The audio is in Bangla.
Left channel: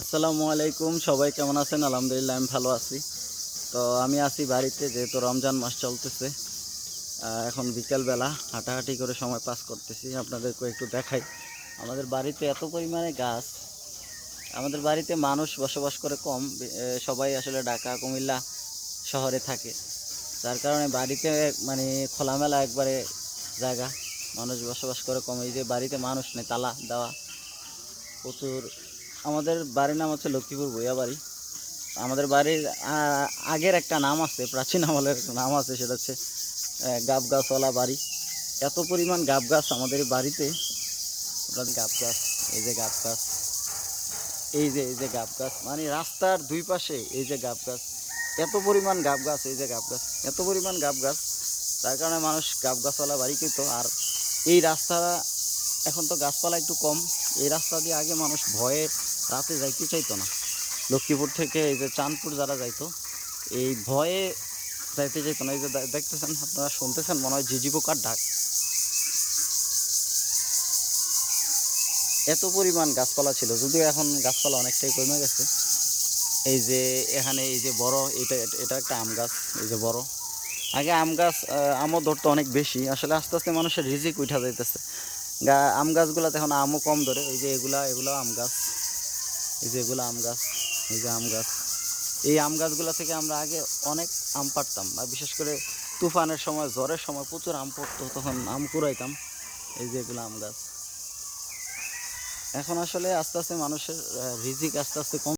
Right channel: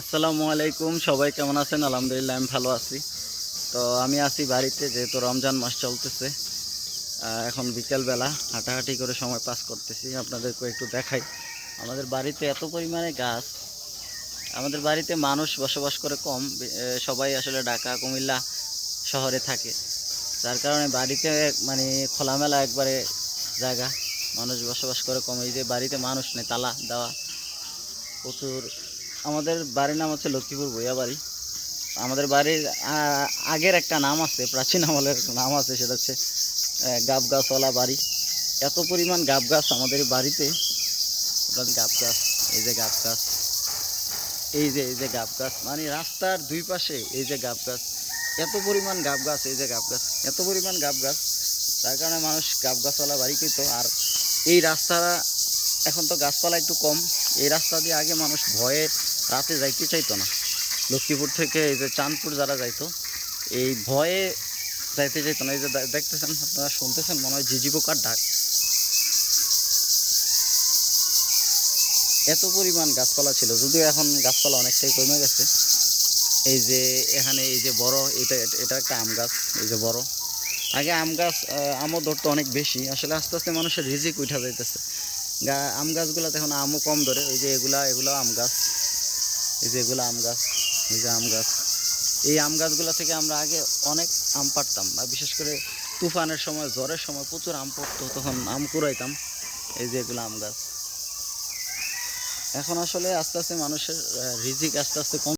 আসসালামু আলাইকুম, সবাই কেমন আছেন? আলহামদুলিল্লাহ, আমি ভালো আছি। তো আমি আছি বাড়িতে, যেহেতু রমজান মাস চলতেছে এখন বিকেলবেলা হাঁটাহাঁটি করে সময় পাস করতেছি। আপনাদেরকে একটু দেখাই, আমাদের বাড়িতে এত পরিমাণে গাছ, আমাদের বাড়িতে মানুষ বসবাস করে কম সবাই আসলে ঢাকা, কুমিল্লা শহরে থাকে। যার কারণে বাড়িতে মানে খোলামেলা একবারে জায়গা, মানুষ বসবাস করে কম। এই যে বাড়িতে মানুষ নেই, তালা দেওয়া, প্রচুর আমাদের বাড়ির নাম হচ্ছে লক্ষ্মীপুর বইয়া বাড়ি আমাদের বাড়ির আগের একটা নাম আছে, প্রাচীন আমলের নাম আছে, সেটা হচ্ছে গাব গাছওয়ালা বাড়ি। এত পরিমাণ গাব গাছ আমাদের বাড়িতে। গাব গাছ এই যে গাব গাছ এই যে এই যে গাব গাছ মানে রাস্তার দুই পাশে এই যে গাব গাছ এত পরিমাণ গাব গাছ এই যে গাব গাছ এত পরিমাণ গাব গাছ তার কারণে মানুষ গাব গাছওয়ালা বাড়ি কিনত। আর এই রাস্তা এখন তো গাছপালা একটু কম। এই রাস্তা দিয়ে আগে মানুষ ভয়ে রাতে যাইতে চাইতো না। লক্ষ্মীপুর থেকে এই যে চাঁদপুর যারা যাইতো, এই ভয়ে যাইতে চাইতো না। এই যে দেখতেছেন, আপনারা শুনতেছেন, মনে হয় ঝিঝি পোকার ডাক। এত পরিমাণ গাছপালা ছিল, যদিও এখন গাছপালা অনেকটাই কমে গেছে। এই যে এখানে এই যে বড়, এটা, এটা- একটা আম গাছ, এই যে বড়। আগে আম গাছ আমও ধরতো অনেক বেশি। আসলে আস্তে আস্তে মানুষের রিজিক উঠা যাইতেছে। আম গাছগুলোতে এখন আমও কম ধরে, ওই যে এগুলা এগুলো আম গাছ। এই যে এগুলো আম গাছ, এই যে আম গাছ। এই আম গাছগুলো থেকে আমরা আগে অনেক আম পাড়তাম, আর বিশেষ করে তুফানের সময়, ঝড়ের সময় প্রচুর আম পড়তো, তখন আম কুড়াইতাম। এই যে এগুলো আম গাছ। এখন আসলে আস্তে আস্তে মানুষের রিজিক আস্তে আস্তে কম